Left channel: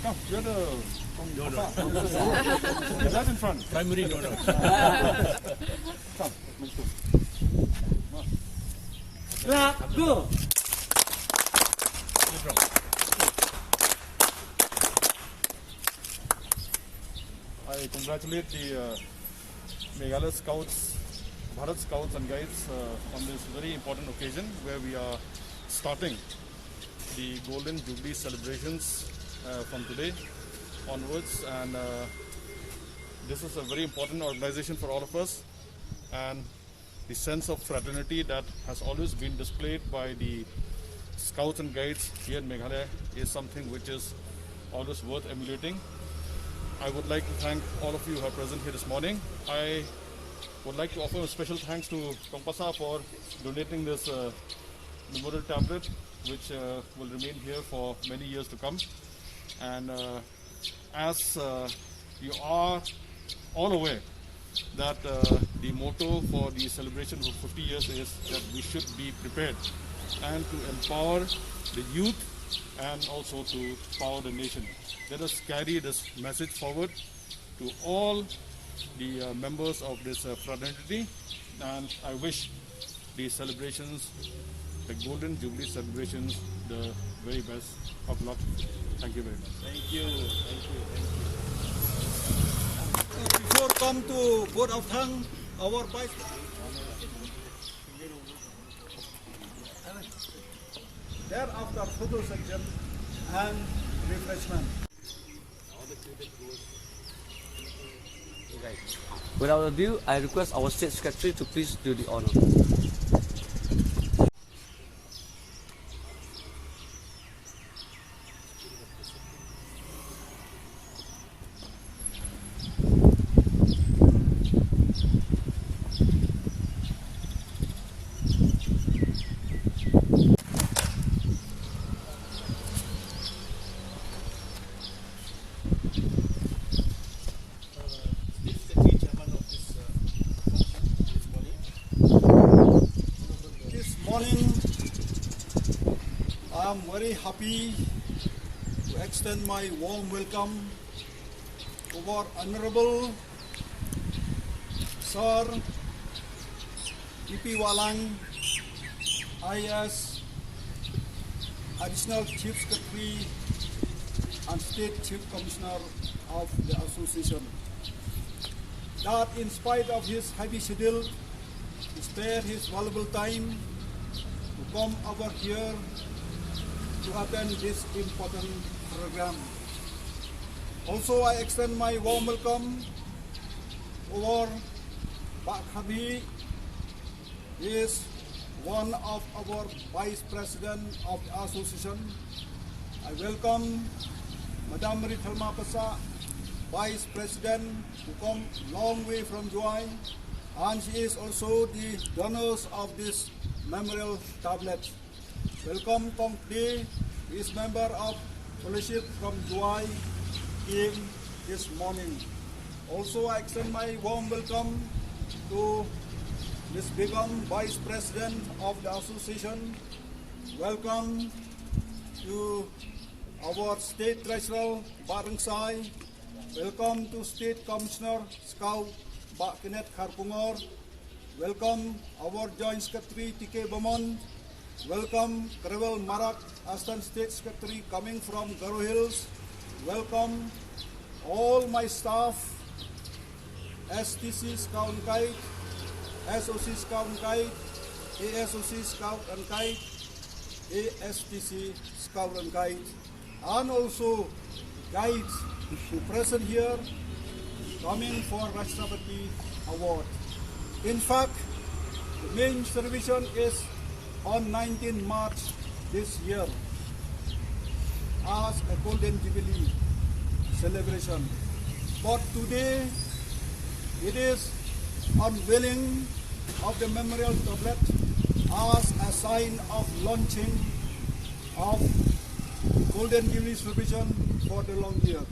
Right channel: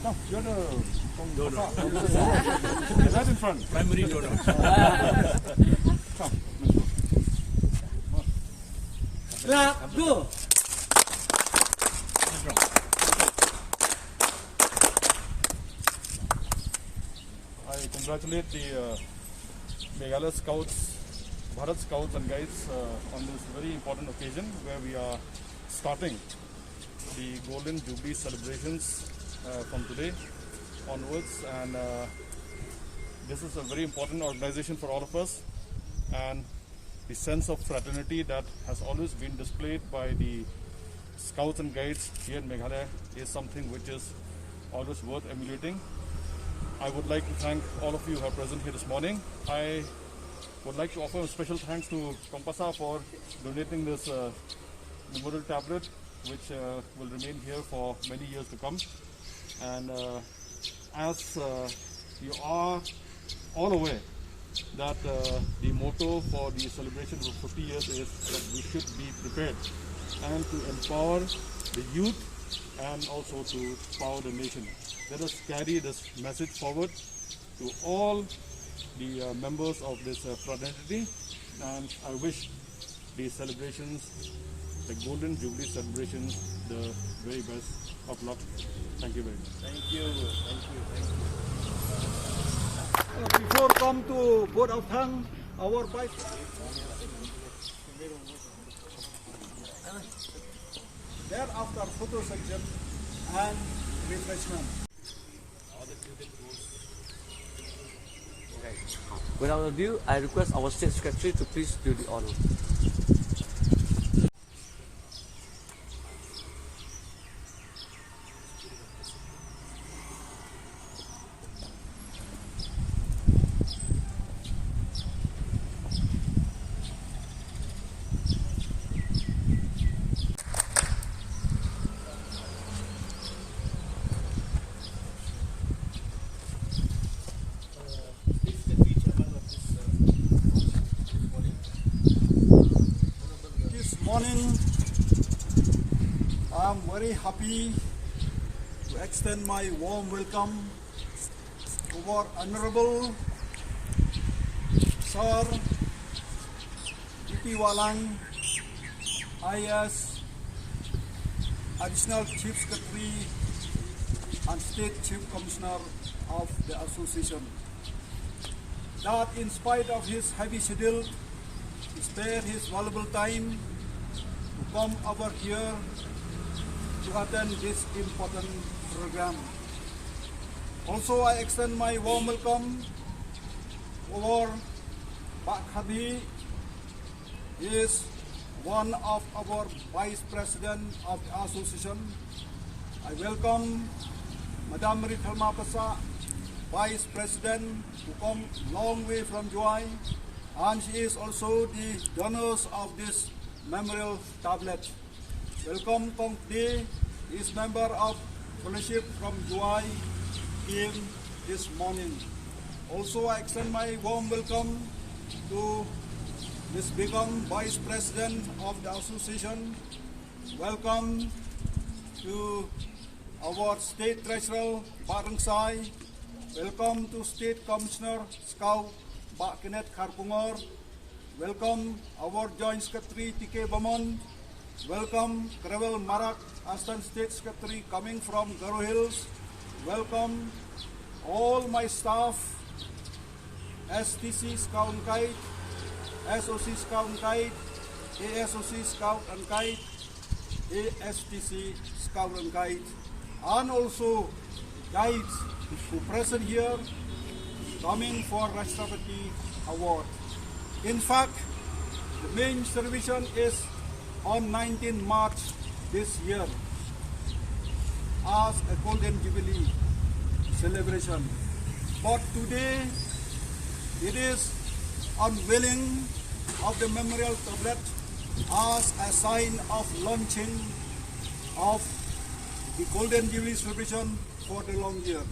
Come, you're the right in front. Primary no. Come, let's go. Go. I congratulate the Meghalaya Bharat Scouts and Guides on this very important occasion where we are starting the Golden Jubilee celebrations from today onwards, and this is a very important organization for all of us, and the sense of fraternity that has always been displayed by the Scouts and Guides here in Meghalaya is something which is always worth emulating. I would like to thank all of you who are present here this morning. I would like to offer a special thanks to Kompasa for donating this memorial tablet, which will remain here for many years to come. And as you are all aware that the motto for the celebration of 50 years is that we should be prepared and to empower the youth and also to power the nation. Let us carry this message forward to all the members of this fraternity, and I wish the celebrations, the Golden Jubilee celebrations, the very best of luck. Thank you very much. Thank you. Before come to Board of Hang, our vice. Thereafter photo section and refreshment. Without ado, I request our State Secretary to please do the honor. Morning, I'm very happy to extend my warm welcome to our Honorable Sir EP Wahlang, IS Additional Chief Secretary and State Chief Commissioner of the Association, that in spite of his heavy schedule, he spared his valuable time to come over here to attend this important program. Also, I extend my warm welcome to our Pak Khadi. He is one of our Vice President of the Association. I welcome Madam Rithalma Pasa, Vice President, who come long way from Juai, and she is also the donors of this memorial tablet. Welcome Kong Day, is member of fellowship from Juai team this morning. Also, I extend my warm welcome to Ms. Begum, Vice President of the Association. Welcome to our State Treasurer, Pak Rengsai. Welcome to State Commissioner, Scout, Pak Kenneth Kharpungor. Welcome our Joint Secretary TK Bamon. Welcome Krevel Marak, Assistant State Secretary coming from Garo Hills. Welcome all my staff, STC Scout and Guide, SOC Scout and Guide, ASOC Scout and Guide, ASTC Scout and Guide, and also guides who present here coming for Rashtrapati Award. In fact, the main celebration is on 19 March this year as a Golden Jubilee celebration. But today it is unveiling of the memorial tablet as a sign of launching of the Golden Jubilee celebration for the long year.